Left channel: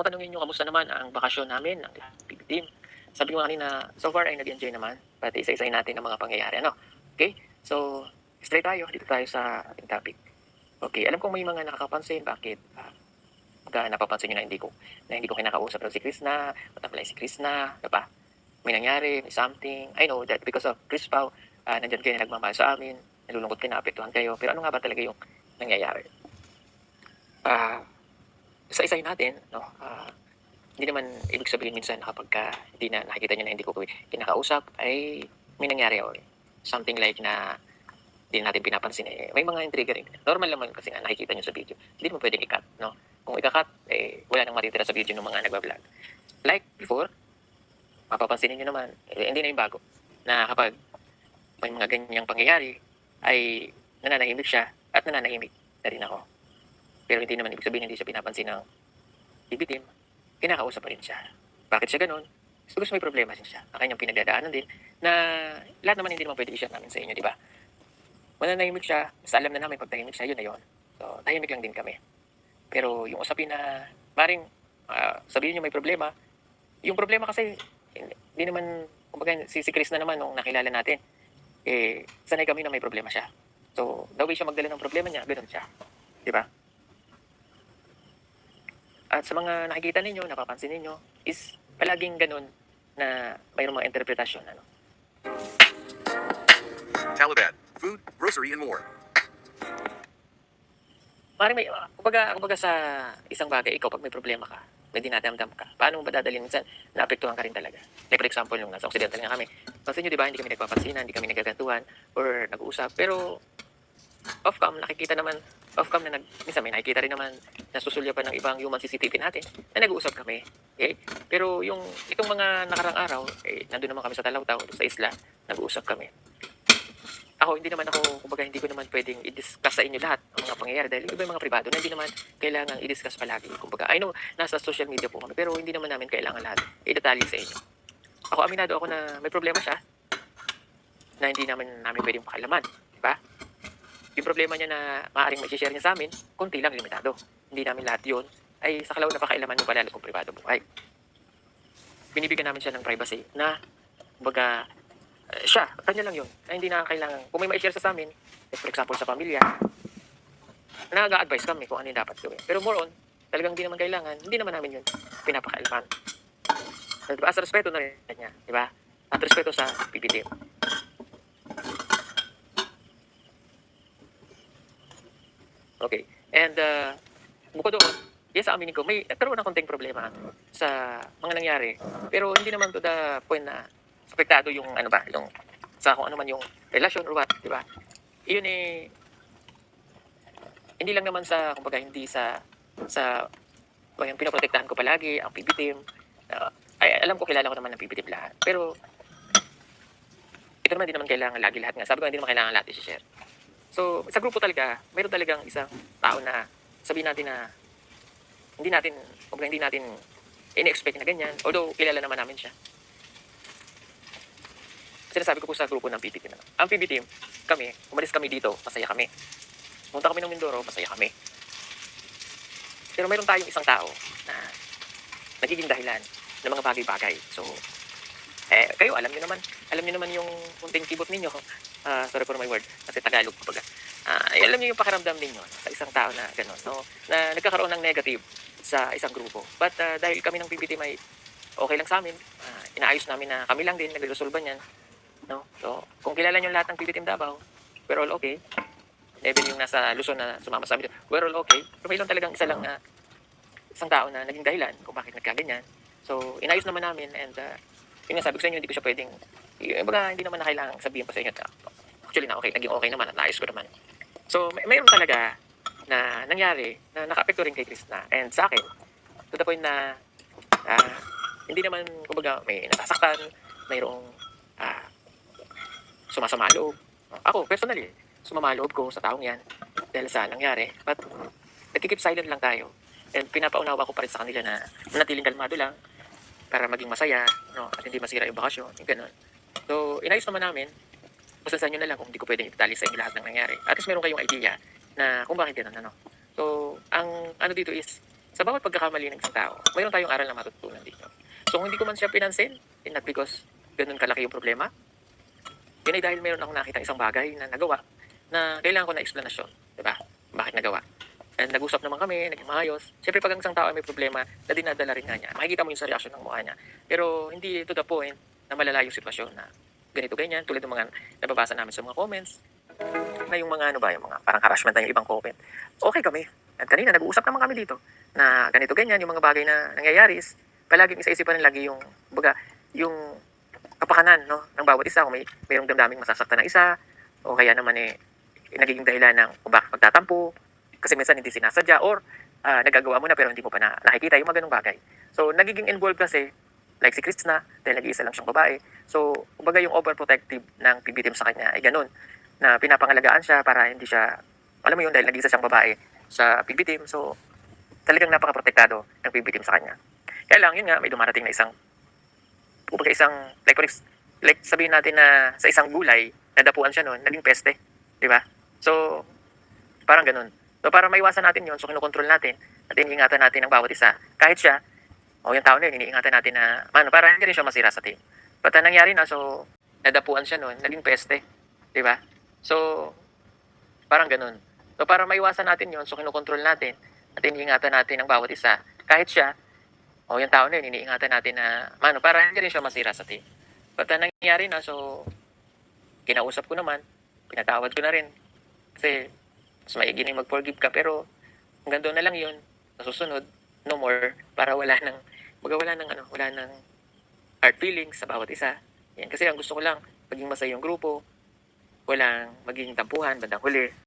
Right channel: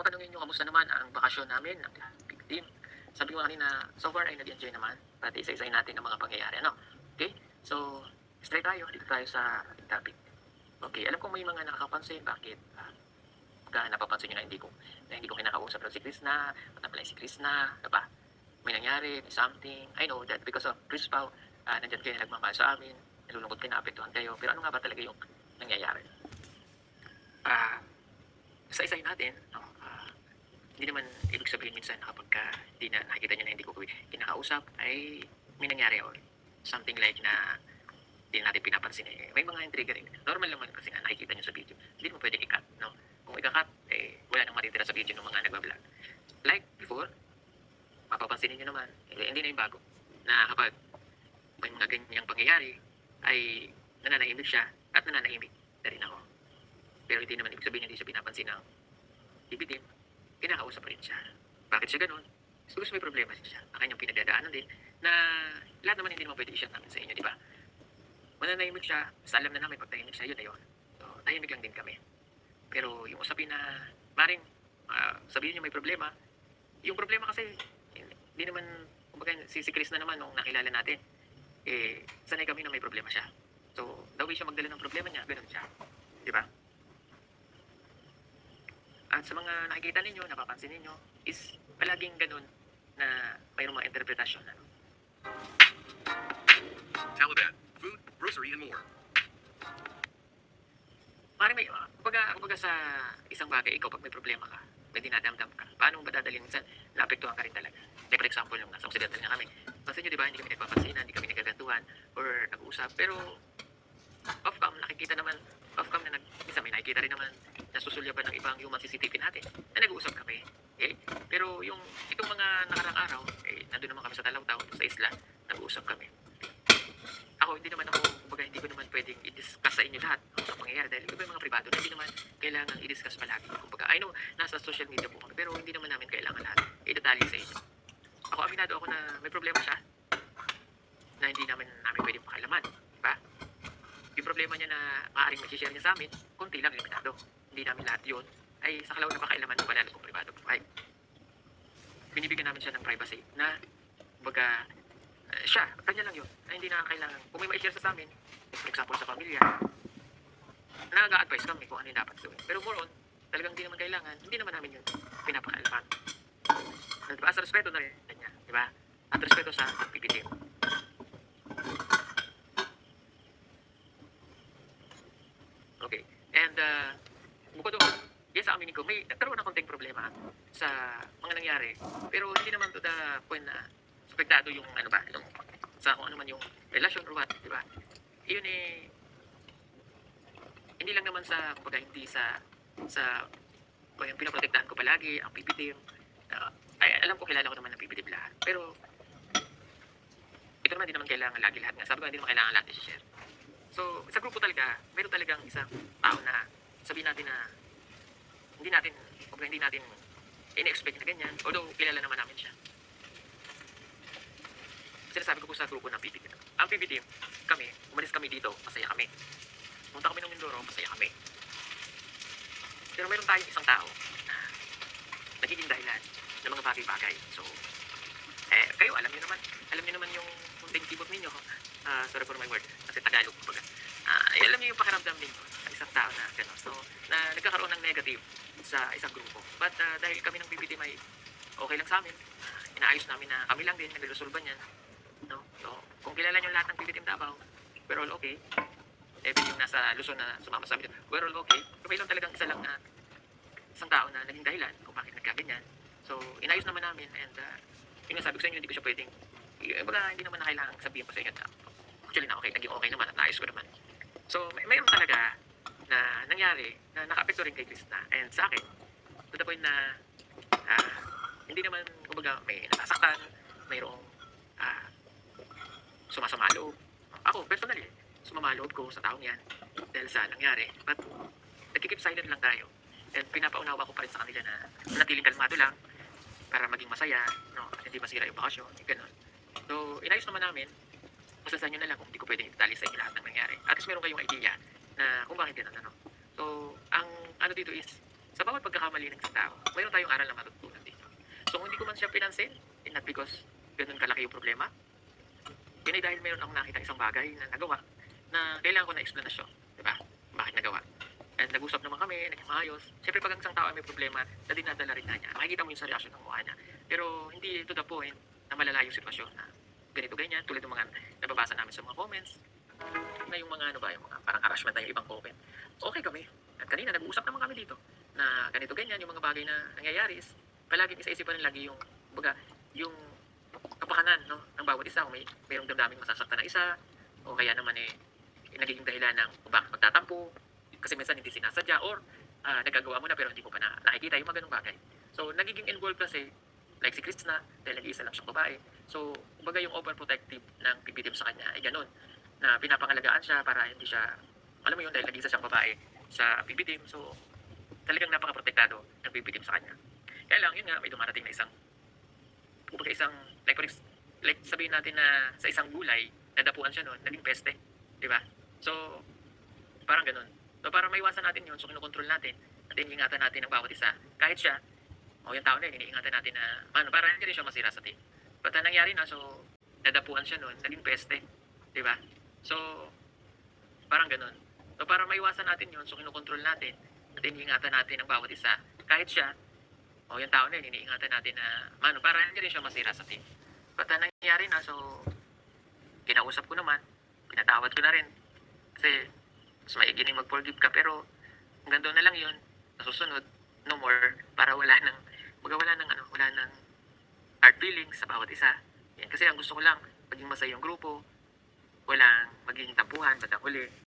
kung tanungin niyo kamusta naman ang bakasyon namin ng PB team, sabi ko kanina, so far ay nag-enjoy naman, pati isa-isahin natin ang mga pangyayari, ano? Okay? So, straight tayo, dito tayo sa ating topic. Okay, alam kong may mga nakakapansin, bakit napapansin niyo na hindi ko kinakausap si Krishna, matamalay si Krishna, diba? May nangyari, may something. I know that because of Chris Pao, nandyan kayo na nagmamahal sa amin, nalulungkot kayo, naapektuhan kayo, pero ano nga ba talaga yung nangyayari? Isa-isahin natin, no? Hindi naman ibig sabihin minsan kapag hindi na nakikita niyo na hindi ko kinakausap, ay may nangyari or something like na hindi natin pinapansin, may mga intriga rin. Normal naman kasi nga nakikita niyo sa video. Hindi mo pwedeng i-cut, no? Kung i-cut, wala nang matitira sa video ng mga nagbablog. Like before, mapapansin niyo naman, hindi na yung bago, na kapag may mga ganyang pangyayari, ay nananahimik siya at nananahimik na rin ako. Pero hindi naman ibig sabihin hindi siya pinapansin ng TV team, kinakausap pa rin siya. Bakit siya ganun? Siguro may problema siya. Ang kanyang pinagdadaanan din na lahat naman hindi naman pwede i-share namin sa inyo, di ba? Mananahimik siya, basta alam na namin pag tahimik siya, yun na yun. So, tahimik lang din kami. Pero yung usapin na, maring sabihin niyo may problema, yung problema kasi, hindi naman, kumbaga si Chris na naman nung nakilala natin, sanay kami na may problema siya. So, the way siya magdala ng problema niya, ganoon siya. Di ba? At sa mga nakikita ninyo, napapansin ninyo, is palaging ganun na mayroong mga interpretasyon. Ano? Taliban, food, grocery, and more. Maring may, kumbaga sa isang bagay, ikaw pag may problema ka, may dinadamdam ka, paano mo ba dadalhin? Minsan, naapektuhan ka rin talaga. Like for example, yung nasa Occidental nga kami. Pansin nyo, di ba, hindi kami nagpapansinan, hindi kami nagagantuhan, or nag-uusap. Pero, off-cam, nakikita naman, off-cam na minsan may nakikita rin naman nasusulyapan ng ibang human CCTV natin na nag-uusap kami. Okay? Pero itong mga nakarang araw, nandun naman kami sa Talawtaw, sa isla, nag-uusap kami. Ako, kumbaga hindi ko naman pwedeng i-discuss sa inyo lahat ang mga pangyayari dahil iba yung mga privado na hindi naman kailangan i-discuss palagi. Kumbaga, I know, nasa social media po kami, pero hindi naman namin kailangan lahat i-detalye sa inyo. Ako, aminado ako na may problema siya na hindi namin pwedeng pakialaman. Diba? Yung problema niya na maaaring may-share niya sa amin, konti lang, limitado. Hindi namin lahat yun ay sa kalaw na pakialaman ng palalo kong privado buhay. Binibigyan namin siya ng privacy na, kumbaga, siya, kanya lang yun. Na hindi na kailangan, kung may ma-share sa amin, for example sa pamilya, nag-a-advise kami kung ano yung dapat gawin. Pero more on, talagang hindi naman kailangan, hindi naman namin yun pinapakialaman. Diba? As respeto na rin niya, diba? At respeto sa PPT. Okay. And, bukod doon, yes, sa aminin ko, may nagkaroon ng konting problema sa mga nangyari. Pero hindi naman to the point na apektado yung yung sa kung ano man yung relasyon or what, di ba? Iyon hindi lang naman sa, kumbaga, hindi sa yung pinoprotektahan ko palagi, ang PB team. Ay, alam ko, kilala ko naman ng PB team lahat. Pero, ito naman, hindi naman kailangan lagi lahat nga. Sabi ko, hindi naman kailangan lahat i-share. So, sa grupo talaga, mayroon talagang isang tao na sabihin natin na hindi natin in-expect na ganyan. Although, kilala naman namin siya. Sinasabi ko po sa grupo ng PB team. Ang PB team, kami, umalis kami dito, masaya kami. Punta kami ng Mindoro, masaya kami. Pero mayroon tayong isang tao na nagiging dahilan ng mga bagay-bagay. So, kayo, alam niyo naman yung kunting kibot ninyo. Sorry for my word, kasi Tagalog kumbaga. Alam niyo yung pakiramdam ninyo sa isang tao na gano'n, no? Na nagkakaroon ng negative sa isang grupo. But dahil kami ng PB team ay okay lang sa amin, inaayos namin na kami lang din nagresolba niyan. No? So, kung kilala nyo lahat ng PB Team Davao, we're all okay. Even yung nasa Luzon na sumama sa amin, we're all okay. Pero may lang talagang isang tao na naging dahilan kung bakit nagkaganyan. So, inayos naman namin and yun nga sabi ko sa inyo, hindi ko siya pwedeng, hindi naman na kailangang sabihin pa sa inyo. Actually na okay, naging okay naman at naayos ko naman. So, mayroon talaga na nangyari na naka-apekto rin kay Krishna and sa akin, to the point na hindi naman, kumbaga, may nasasaktan, mayroong sumasama loob. Ako, personally, sumama loob ko sa taong yan dahil sa nangyari. But, nagkikip silent lang tayo. And pinapaunawa ko pa rin sa kanila na manatiling kalmado lang para maging masaya, no? At hindi masira yung bakasyon, yung ganun. So, inayos naman namin. Masasahan nyo na lang kung hindi ko pwedeng itatali sa inyo lahat ng nangyari. At least meron kayong idea na kung bakit ganun, ano. So, ang ano dito is, sa bawat pagkakamali ng isang tao, mayroon tayong aral na matututunan dito. So kung hindi ko man siya pinansin, not because ganun kalaki yung problema, yun ay dahil meron akong nakita isang bagay na nagawa na kailangan ko na eksplanasyon. Diba? Bakit nagawa? And nag-usap naman kami, naging maayos. Siyempre pag ang isang tao ay may problema, na dinadala rin nga niya. Makikita mo yung sa reaksyon ng mukha niya. Pero hindi to the point na malala yung sitwasyon na ganito ganyan, tulad ng mga nababasa namin sa mga comments, na yung mga ano ba, yung mga parang harassment na yung ibang comment. Okay kami. At kanina nag-uusap naman kami dito na ganito ganyan, yung mga bagay na nangyayari is palaging isa-isipan rin lagi yung, baga, yung kapakanan, no, ng bawat isa. Kung mayroong damdaming masasaktan ng isa, o kaya naman nagiging dahilan ng kung bakit magtatampo, kasi minsan hindi sinasadya, or nagagawa mo na pero hindi mo pa nakikita yung mga ganung bagay. So, nagiging involved kasi, like si Krishna, dahil nag-iisa lang siyang babae. So, kumbaga yung overprotective ng PB team sa kanya ay ganun, na pinapangalagaan siya para hindi siya, alam mo yun, dahil nag-iisa siyang babae sa PB team. So, talagang napaka-protektado ng PB team sa kanya. Kaya lang, yun nga, may dumarating na isang, kumbaga isang, like sabihin natin na sa isang gulay, nadapuan siya noon, naging peste. Di ba? So, parang ganun. So, para maiwasan natin yun, so kinukontrol natin, at iniingatan natin ang bawat isa. Kahit siya, o yung tao na yun, iniingatan natin na, para hindi rin siya masira sa team. But nangyari na, so, nadapuan siya noon, naging peste. Di ba? So, parang ganun. So, para maiwasan natin yun, so kinukontrol natin, at iniingatan natin ang bawat isa. Kahit siya, o yung tao na yun, iniingatan natin na, para hindi rin siya masira sa team. But nangyari na, so, kinausap ko naman, pinatawad ko na rin. Kasi, mas maigi na mag-forgive ka, pero hanggang doon na lang yun, nasusunod, no more, para wala nang hard feelings sa bawat isa. Yan, kasi ang gusto ko lang, maging masaya yung grupo, walang maging tampuhan bandang huli.